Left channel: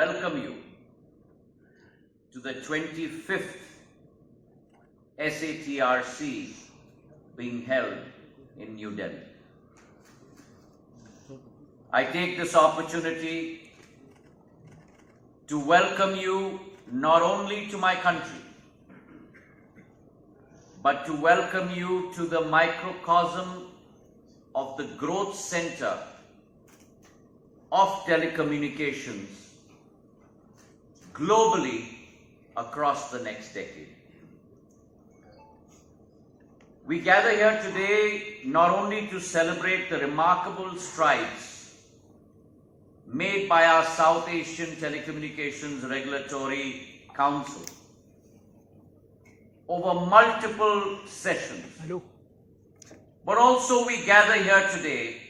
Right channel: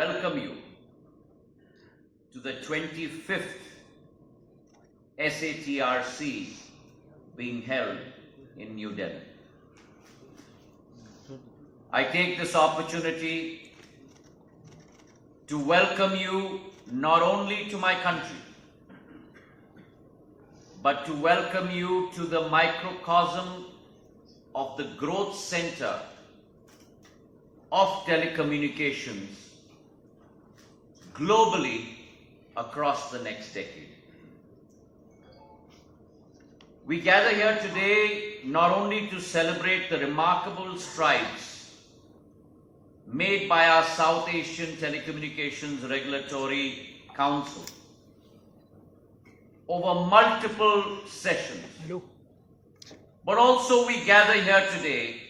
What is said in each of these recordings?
welcome you to the 25th SATRC being held in New Delhi. I take this opportunity to welcome you not only to my country, but to welcome you to the microcosm of the growth center of telecommunications globally across the next decade. We gather here today not only to celebrate the remarkable strides made by our South Asian Telecommunications Regulatory Council over multiple sessions, but also we gather here today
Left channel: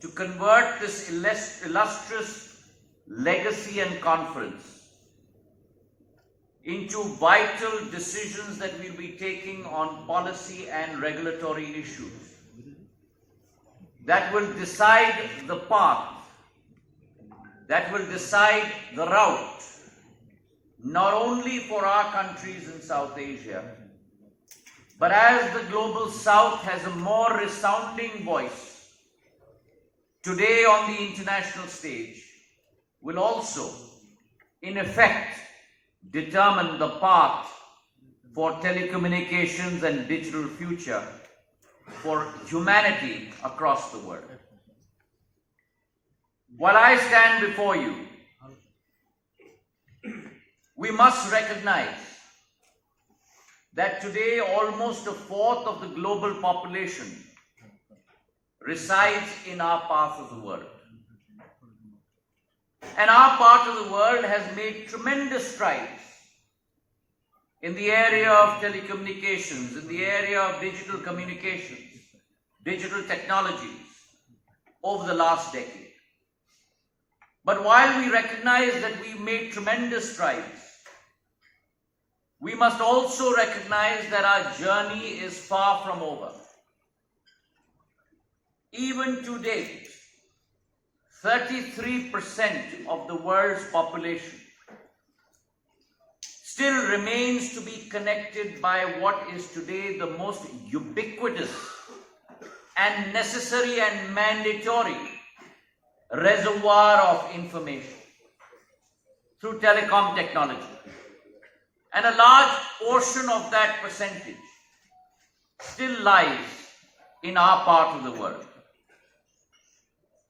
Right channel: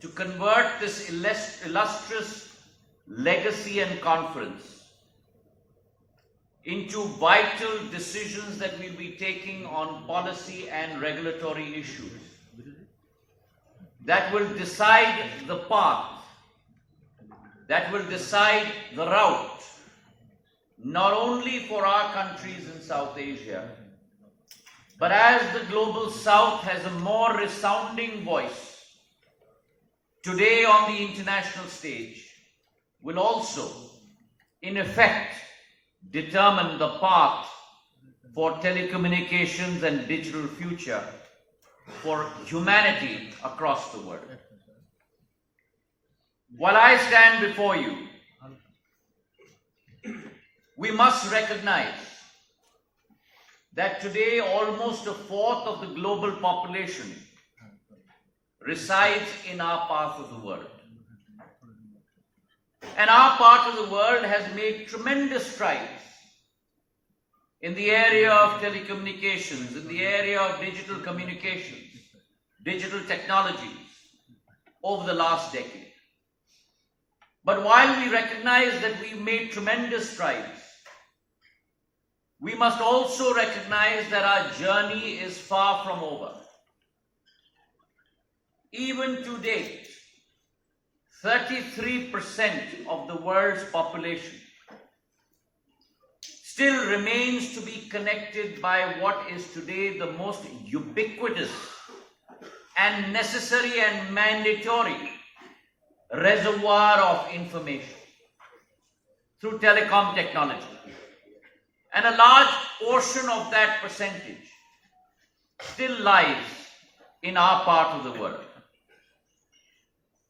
to convert this illustrious legacy and conference into vital decisions that we'll be taking on policy and regulatory issues that will decide the path, that will decide the route, not only for our countries in South Asia, but as the Global South has a more resounding voice today on the international stage, will also, in effect, determine the path for telecommunications and digital future for humanity across the world. While I stand before you, we must recognize that today almost a fourth of the global population resides in our part of the world. And our part of the world has made tremendous strides in the area of telecommunications, in the area of digital communications, digital technologies over the last decade. But while we recognize that we've made tremendous strides, we must also recognize that our journey is far from over. Even to date, 33% of the world's population still remains to be connected by what is today the most ubiquitous and necessary and mandatory reservoir of information through telecom technology. And a large portion of that percentage still lies in our part of the world.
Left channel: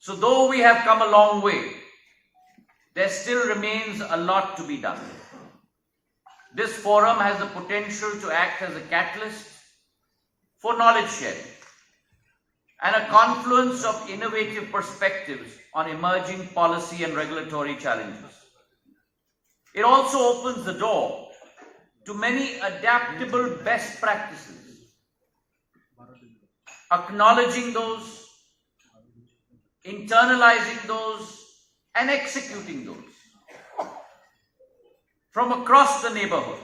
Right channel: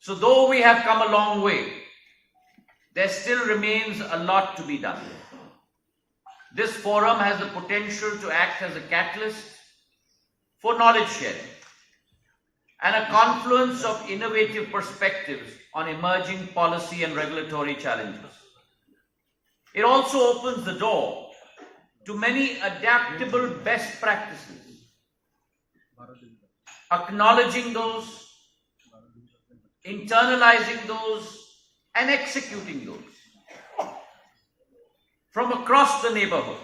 So though we have come a long way, there still remains a lot to be done. This forum has the potential to act as a catalyst for knowledge sharing and a confluence of innovative perspectives on emerging policy and regulatory challenges. It also opens the door to many adaptable best practices, acknowledging those, internalizing those, and executing those from across the neighborhood.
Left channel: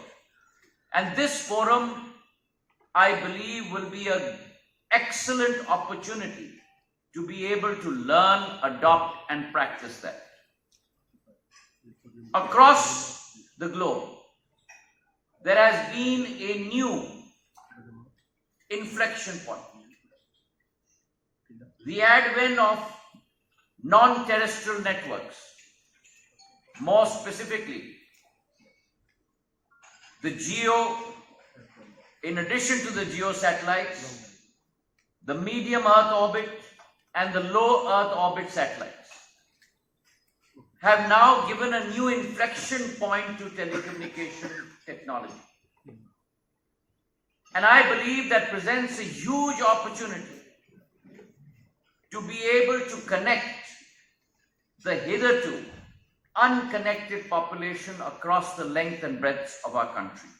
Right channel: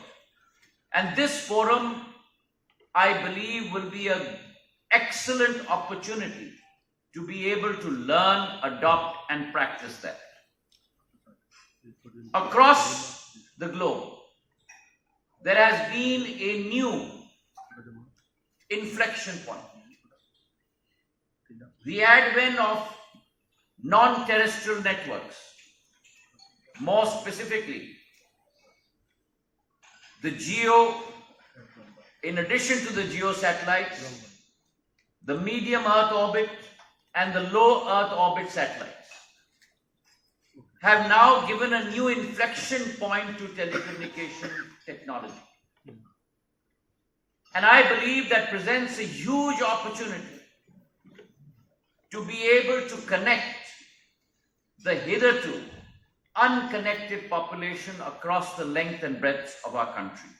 And this forum, I believe, will be an excellent opportunity to be able to learn, adopt, and practice that. Across the globe, there has been a new inflection point. The advent of non-terrestrial networks, more specifically, the GEO, in addition to the GEO satellites, the medium Earth orbit and the low Earth orbit satellites have now given a new inflection point to telecommunication technology. And I believe that presents a huge opportunity to be able to connect the hitherto unconnected population across the length and breadth of our country.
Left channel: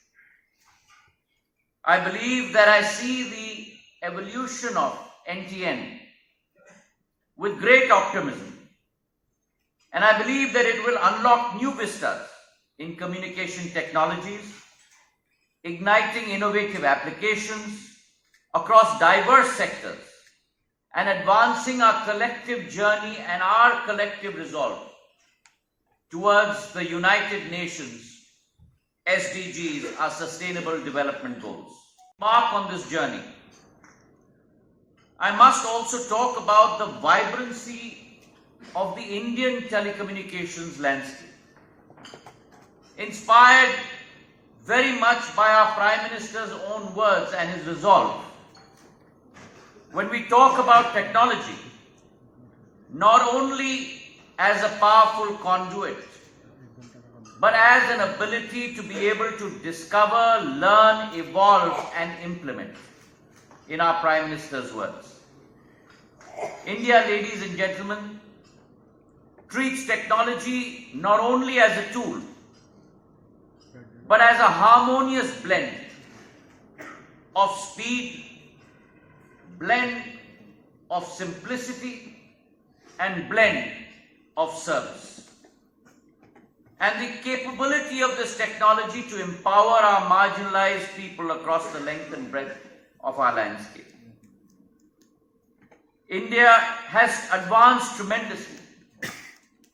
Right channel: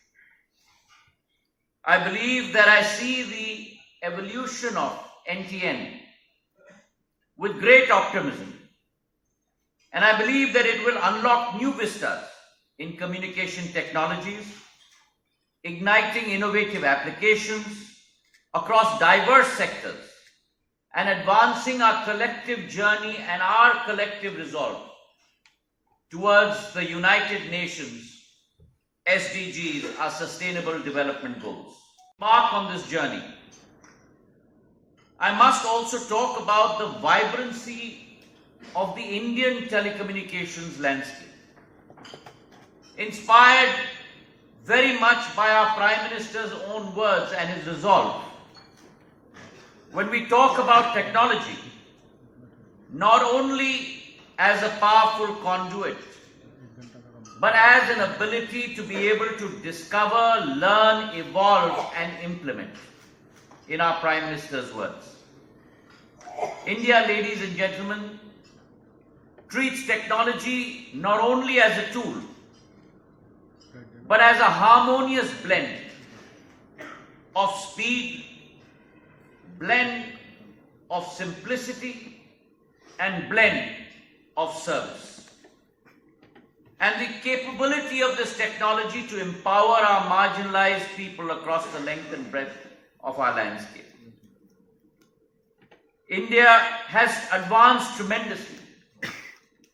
I believe that I see the evolution of NTN with great optimism. And I believe that it will unlock new vistas in communication technologies, igniting innovative applications across diverse sectors, and advancing our collective journey and our collective resolve towards the United Nations SDGs, our Sustainable Development Goals. Mark on this journey. I must also talk about the vibrancy of the Indian telecommunications landscape. Inspired very much by our Prime Minister's own words and his resolve. When we talk about technology, not only as a powerful conduit, but as an ability to be able to discover, learn, evolve, and implement, in our Prime Minister's words. India, ladies and gentlemen, treats technology not only as a tool, but as a harmonious blend of speed, blend of simplicity, and blend of service. And the capability of this technology to empower our marginalized people across the length and breadth of our landscape. India has advanced tremendously,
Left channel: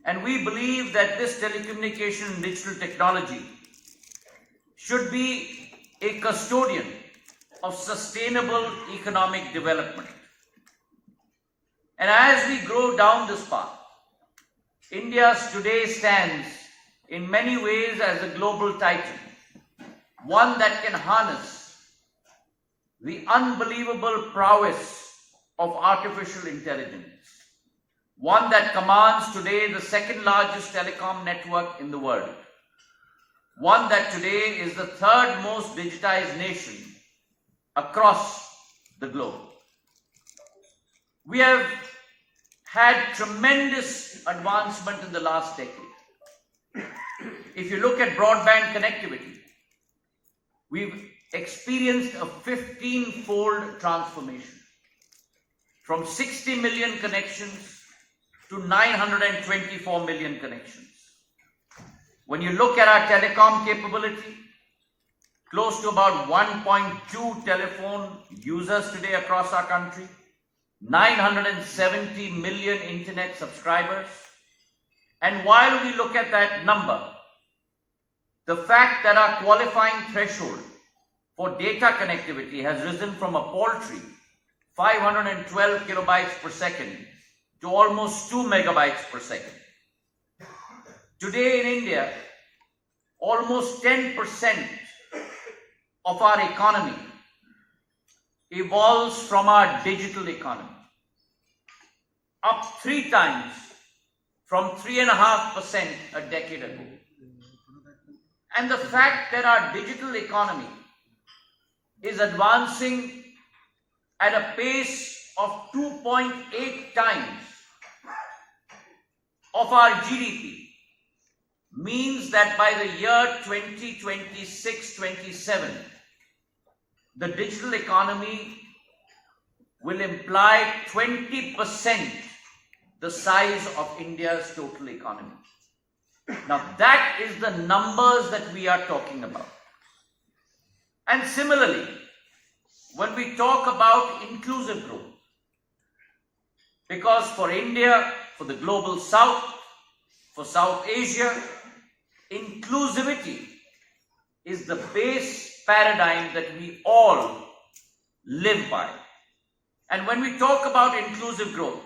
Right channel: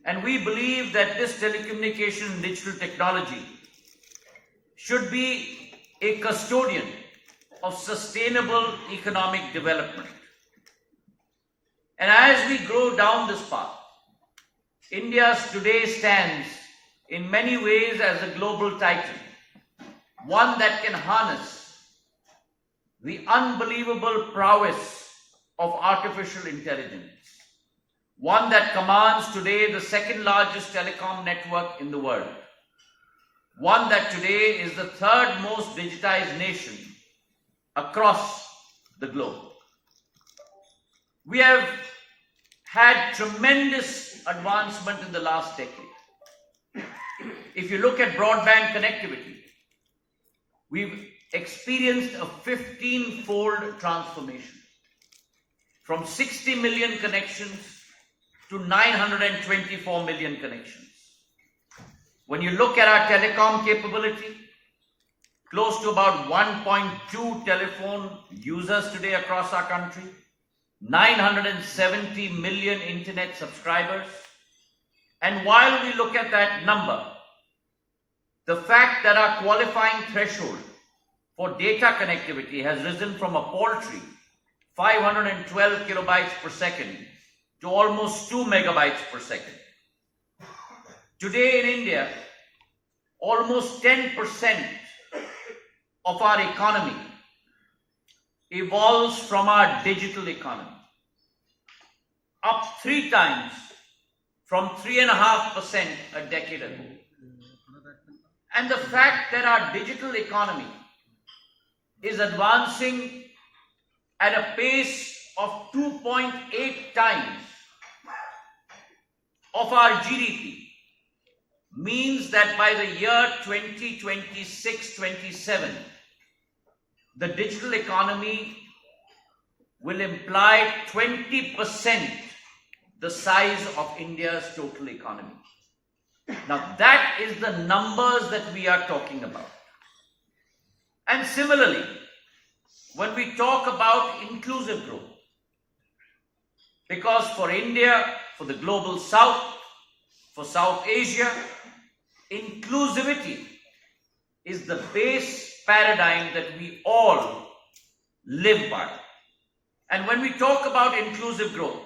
and we believe that this telecommunication and digital technology should be a custodian of sustainable economic development. And as we grow down this path, India today stands in many ways as a global titan, one that can harness the unbelievable prowess of artificial intelligence, one that commands today the second largest telecom network in the world, one that today is the third most digitized nation across the globe. We have had tremendous advancement in the last decade. If you look at broadband connectivity, we've experienced a 15-fold transformation from 60 million connections to 924 million connections. When you look at our telecom capability, close to about 1.2 telephone users today across our country, 970 million internet subscribers. And while we look at that number, the fact that our qualifying threshold for data connectivity has risen from a paltry 512 kilobytes per second to almost 2 megabytes per second. Today in India, almost 10% of our economy evolves from our digital economy, up 3 times from 3.5% a decade ago. And the fact that our digital economy is advancing at a pace of 2.8 times of our GDP means that by the year 2026-27, the digital economy will imply 20% the size of India's total economy. Now that is the numbers that we are talking about. And similarly, when we talk about inclusive growth, because for India, for the global South, for South Asia, inclusivity is the base paradigm that we all live by. And when we talk about inclusive growth,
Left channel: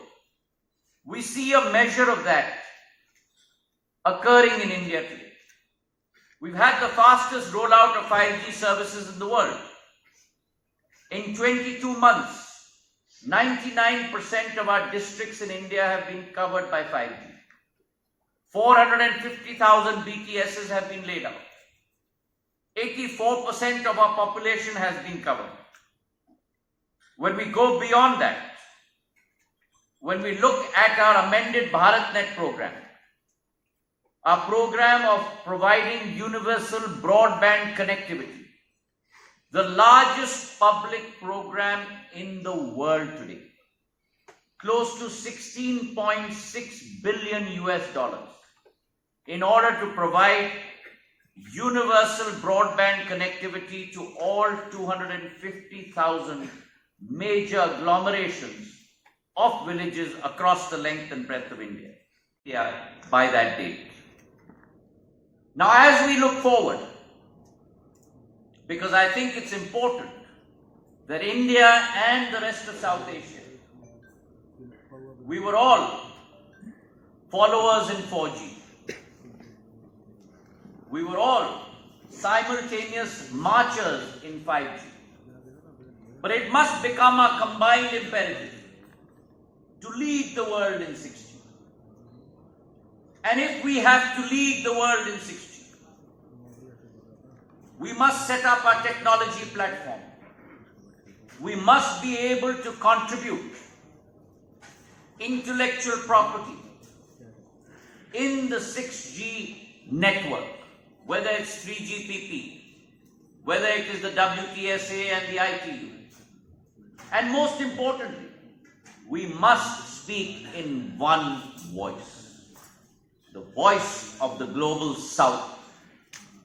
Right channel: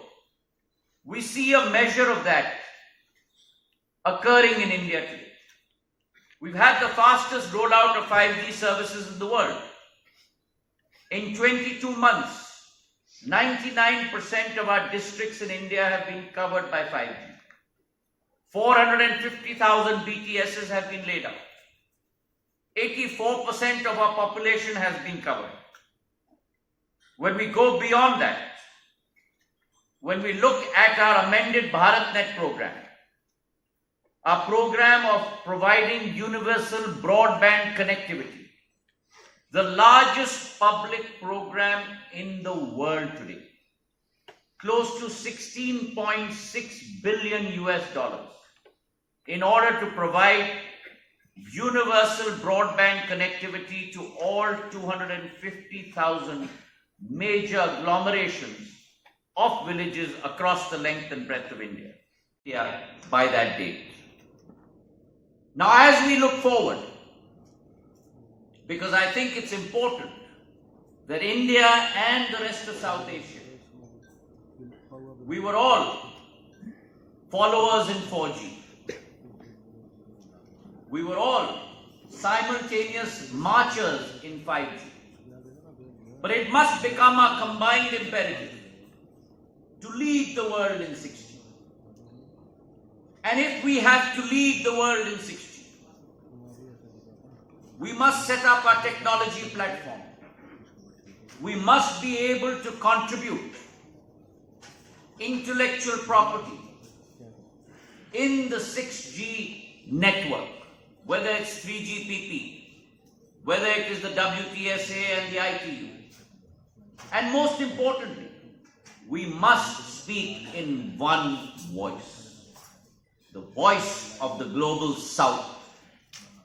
we see a measure of that occurring in India today. We've had the fastest rollout of 5G services in the world. In 22 months, 99% of our districts in India have been covered by 5G. 450,000 BTSs have been laid out. 84% of our population has been covered. When we go beyond that, when we look at our amended BharatNet program, our program of providing universal broadband connectivity, the largest public program in the world today, close to $16.6 billion in order to provide universal broadband connectivity to all 250,000 major agglomerations of villages across the length and breadth of India by that date. Now, as we look forward, because I think it's important that India and the rest of South Asia, we were all followers in 4G. We were all simultaneous marchers in 5G. But it must become a combined imperative to lead the world in 6G. And if we have to lead the world in 6G, we must set up our technology platform. We must be able to contribute intellectual property in the 6G network, whether it's 3GPP, whether it is the WTSA and the ITU. And most importantly, we must speak in one voice, the voice of the global South.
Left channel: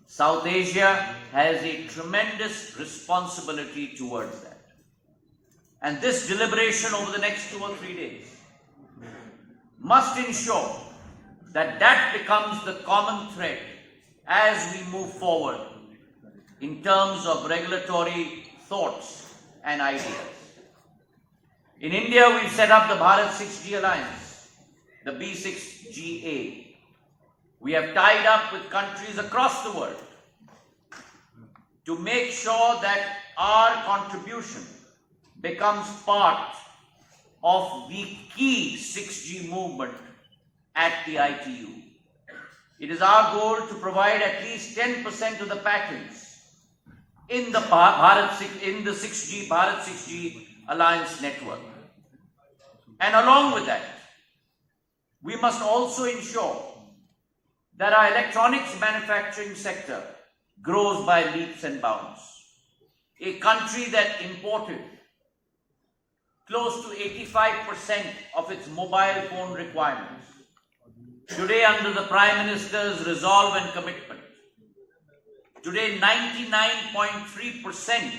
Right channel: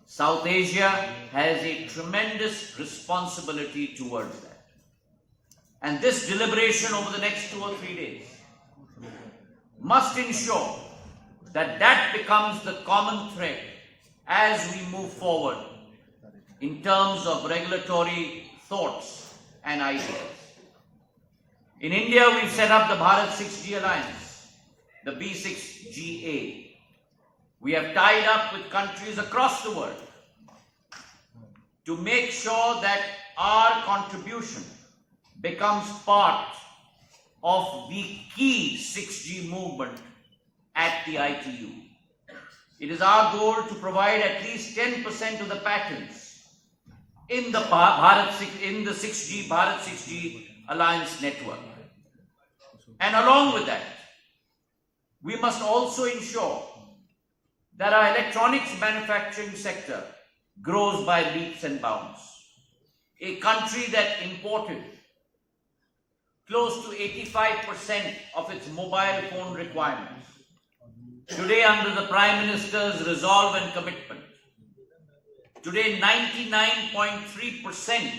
South Asia has a tremendous responsibility towards that. And this deliberation over the next 2 or 3 days must ensure that that becomes the common thread as we move forward in terms of regulatory thoughts and ideas. In India, we've set up the Bharat 6G Alliance, the B6GA. We have tied up with countries across the world to make sure that our contribution becomes part of the key 6G movement at the ITU. It is our goal to provide at least 10% of the patents in the Bharat 6G Alliance network. And along with that, we must also ensure that our electronics manufacturing sector grows by leaps and bounds. A country that imported close to 85% of its mobile phone requirements. Today, under the Prime Minister's resolve and commitment, today 99.3%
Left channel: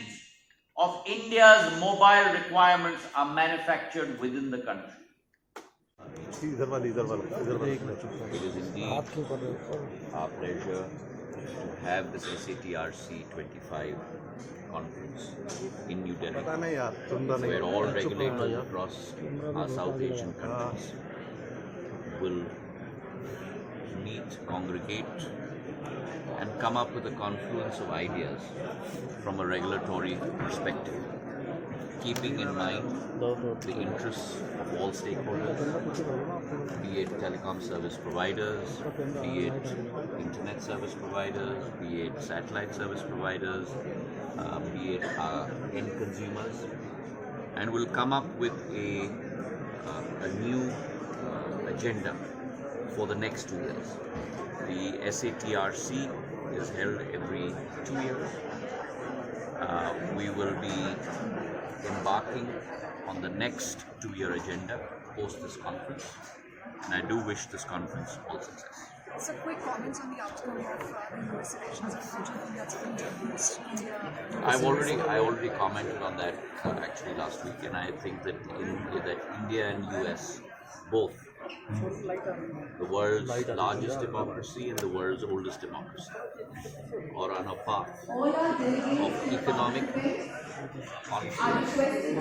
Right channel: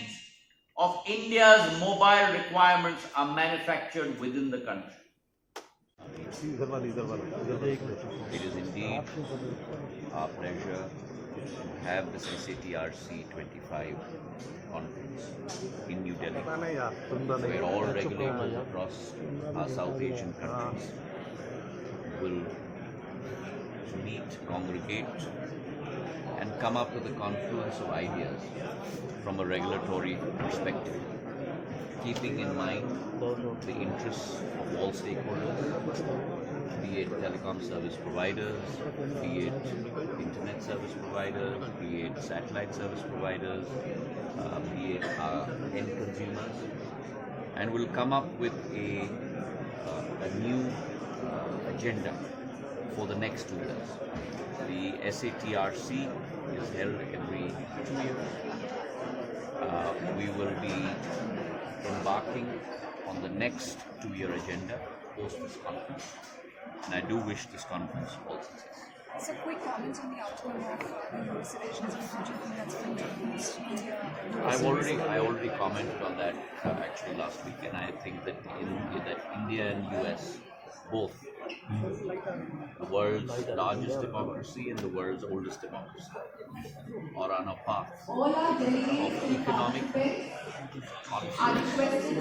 of India's mobile requirements are manufactured within the country. It is indeed our pleasure to have this SATRC 25 conference in New Delhi, where all regulators across our South Asian countries will meet, congregate, and come up with a confluence of ideas from a regulatory perspective, keeping in mind the interests of all stakeholders, be it telecom service providers, be it internet service providers, be it satellite service providers, be it our end consumers, and we'll come up with a new agenda for the next 2 years. The SATRC is held every 2 years. We will be embarking on the next 2-year agenda post this conference, and I do wish this conference all success. So, quick comments on the outcome of the US elections and do you think that's going to boost India? I already commented on that actually last week, and I think that India and US, both the world's largest democracy and the world's oldest democracy, are on a path of economic conflict